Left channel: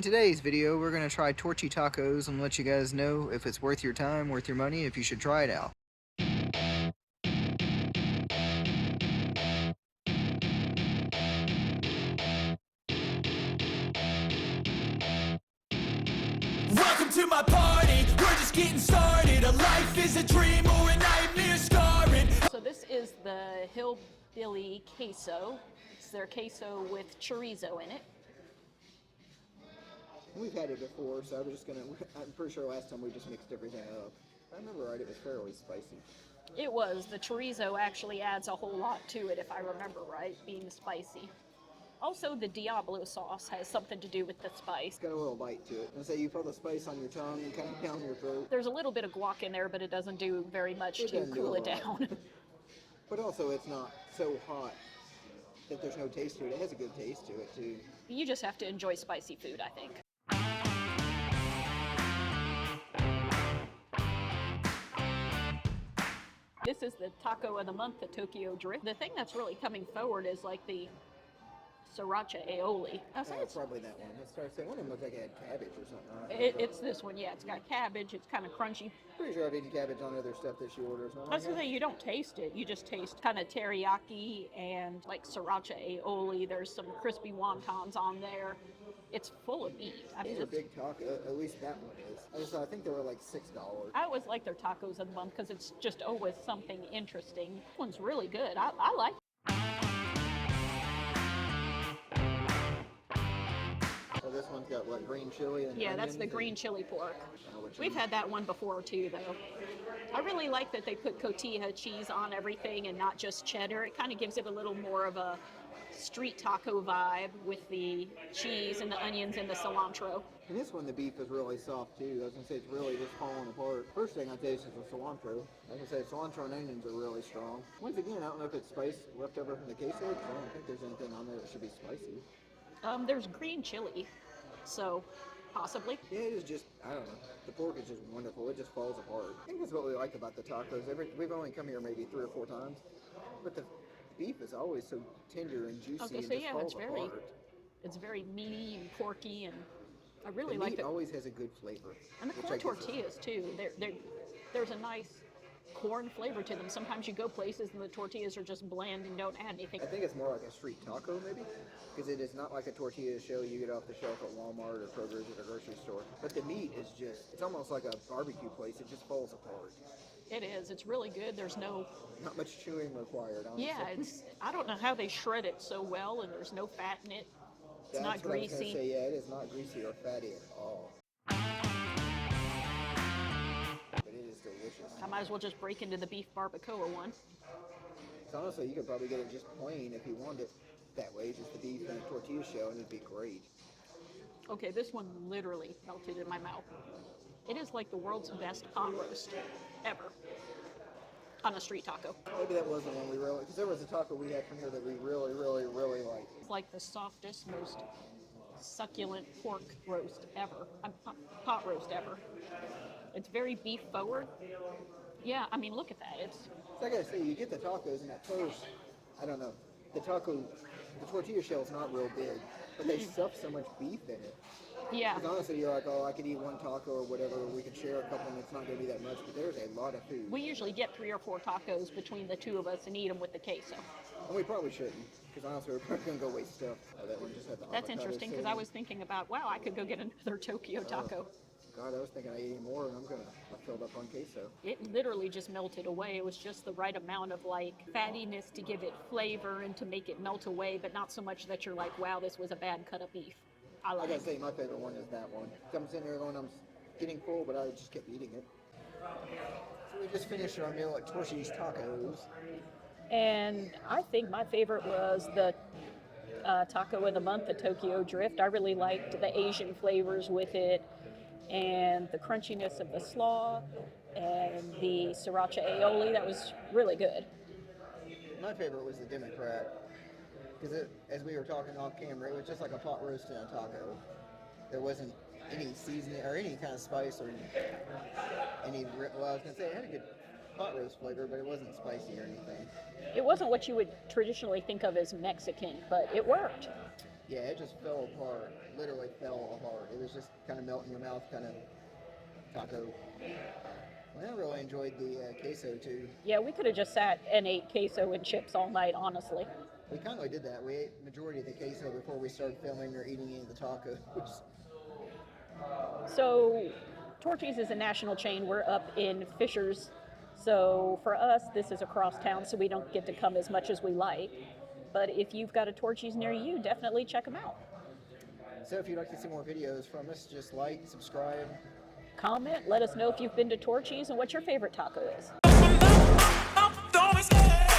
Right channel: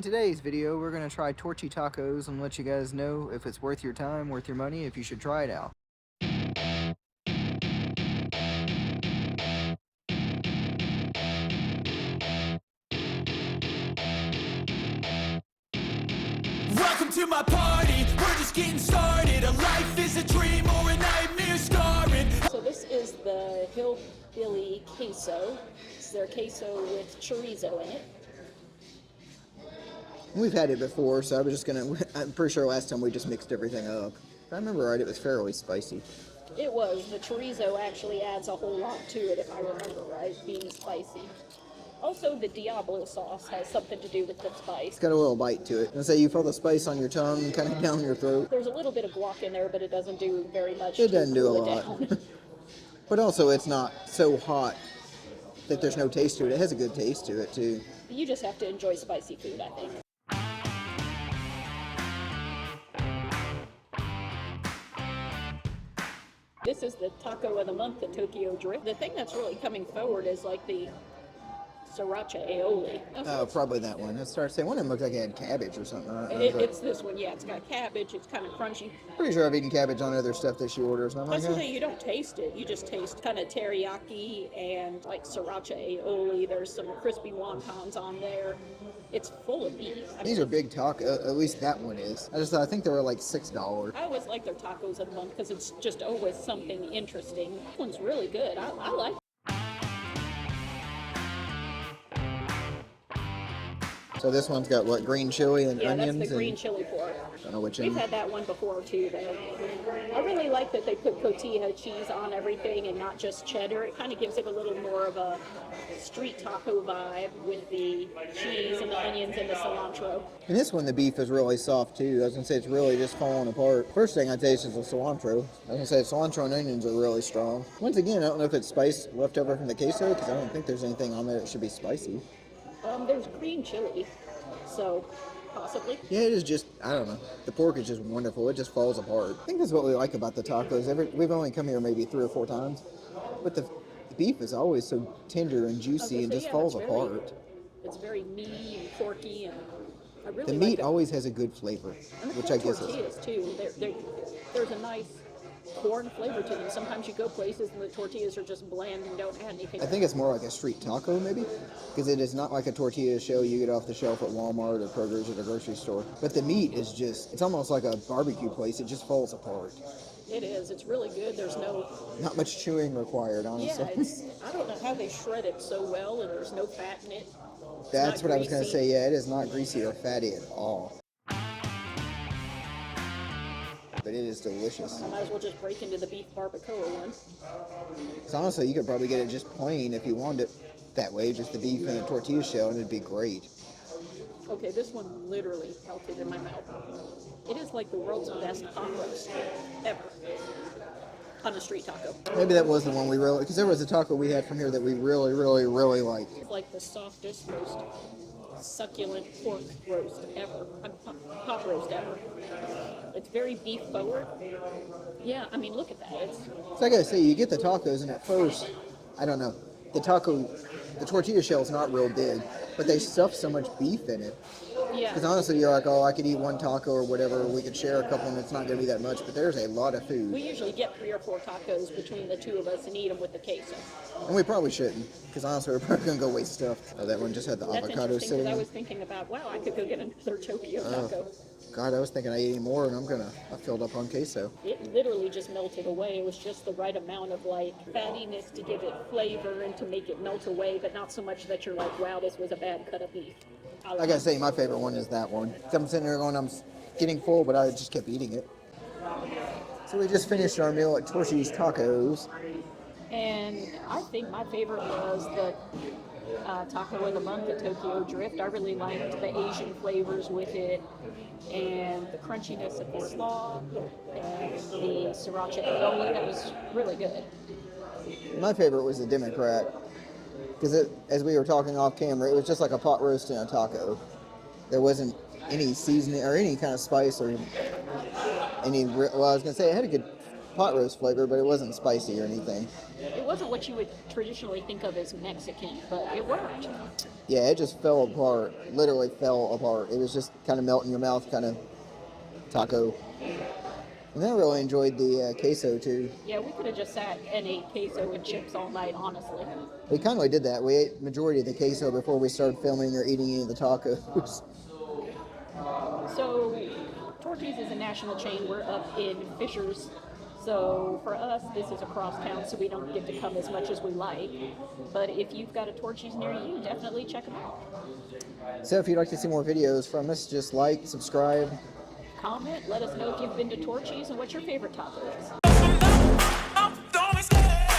In today's video, we're going to try Torchy tacos and let you guys know if it's worth your time, worth your money, if you should try it out. Welcome to my party, we're just getting started. A life is a dream or a nightmare scarring. So this is the Hillbilly queso. It's their queso with chorizo in it. We've had it before, so I'm pretty sure last time we just mixed everything up. If I remember right, it was fairly spicy. It was. The chorizo actually adds a whole lot to it, if I remember right, being spicy. Also, the Diablo sauce has something to do with the spice. It's got a little bite to it. And say you feel the spice on your tongue, kind of down your throat. There's a little bit of guac in there, but it doesn't do very much It to doesn't do cool a it lot. down. But also, it's not so hot that there's no taste to it. It has a good taste to it, too. You just have to enjoy spicy food, I think. This is the taco of the month at Tokyo Drift. The thing that's really coming forward is like the sriracha aioli. Oh, probably that one. I started saying one of them looked like it had cabbage or something. It's this one, yeah. It's got cabbage. It's kind of crunchy. Pretty sure I've eaten cabbage on other stuff that she orders. And I'm That's like, the thing, you don't taste it. You just taste kind of teriyaki and like sriracha aioli. There's some crispy wontons on there. It's full of beef. These are big tacos. At least that one is. I think they were like $6. I always like their tacos of the month because it's just always something interesting. This one's really good. I like it. So this one's got what, green chili and Yeah, onions? that's the green chili pork. I don't know which We've end. had that one before too, though. I really like that they put cotija cheese on everything and not just cheddar. It kind of gives it a little more of a street taco vibe with the cheese and the onions and the cilantro. And this one, the beef is really soft too. I was gonna say it's really just falling apart. First thing I taste is the cilantro. I was gonna say cilantro and onions are really strong. Once again, I don't know if it's spice left over from the queso because I don't think there's anything on there that should be spicy. There's green chili, so possibly. Yeah, it is just, I don't know. The pork is just wonderful. It just falls apart. I think that's what we like about the tacos. We've only come here maybe 3 or 4 times, but the beef is always so tender and juicy and just falls apart. It's very meaty and porky, and I really The like meat it. always has a good flavor, And the which I guess is... tortillas too. There's a nice corn flavor to them. Sometimes you go places and the tortillas are just bland and don't add anything. I think it's more like a street taco, maybe, because it is not like a tortilla shell you get off the shelf at Walmart or Kroger's or the grocery store. But the meat is just, it's almost like a barbecue place. It just falls apart. It is. It's really good. There's no... Not much chewing required, honestly. Yeah, I don't know how they shred it so well, and there's no fat in it. That's what I was going to say. Yeah, it is not greasy or fatty at all. But it is delicious. I might as well just break into the beef barbacoa one. So honestly, you could probably get it just plain if you wanted it that way, just the beef and the tortilla shell, and it'd be great. Okay, this one literally melted in my mouth. It is like the world's best pot roast ever on a street taco. Maybe that was the one we really, because there was a taco we had from here that we really, really, really liked. It's like the softest, most succulent pork roast ever. Pot roast ever. It's very beef forward. Yeah, I mean, look at that. So I gotta say, you get the tacos, and at first, I don't know, the tortilla shell is not real big, but they stuff so much beef in it. Yeah. Because honestly, you're like, oh, I could eat one taco or whatever, we could share a couple, and it's not gonna be that much, but there's a lot of food. We usually get 3 or 4 tacos between the two of us and eat them with the queso. And we probably shouldn't, because honestly, we're probably gonna go waste stuff. Oh, that one just had the That's avocado interesting sitting. because I was thinking about, wow, I could go get another Tokyo taco. God, I was thinking I ate any more, and I filled up on queso. It literally just melted away. It was just the right amount of like fattiness to give it flavor and to make it melt away, but not so much that you're like, wow, this was a bad cut of beef. I gotta say, my favorite one is that one. I'm sitting there going, I'm getting full, but I just kept eating it. So we just finished our meal at Torchy's Tacos. And I think my favorite was the taco of the month at Tokyo Drift. I really liked the Asian flavors with it and the crunchiness of the slaw and the sriracha aioli. That was really good. My favorite was the Democrat, because as we were talking off camera, it was just like a pot roast and a taco. There wasn't any seasoning or any kind of spice or any, well, I was going to say it had a good pot roast flavor, but it wasn't spicy or anything. It wasn't what you would traditionally think of as Mexican, but it worked. Yeah, it just fell apart. Literally fell apart. It was just kind of melt in your mouth, kind of taco. And I really enjoyed the queso too. Yeah, we could have just sat and ate queso and chips all night, honestly. We kind of did that. We ate majority of the queso before we started filming or eating any of the tacos. So, Torchy's is a national chain. We're up in Fishers. So, for us, this is across town, so we don't get to come as much as we like. But if you've got a Torchy's near you, definitely check them out. So if you'd like to see more videos from us, just like, subscribe. Comment, let us know if you've been to Torchy's and what your favorite taco is. Don't stay.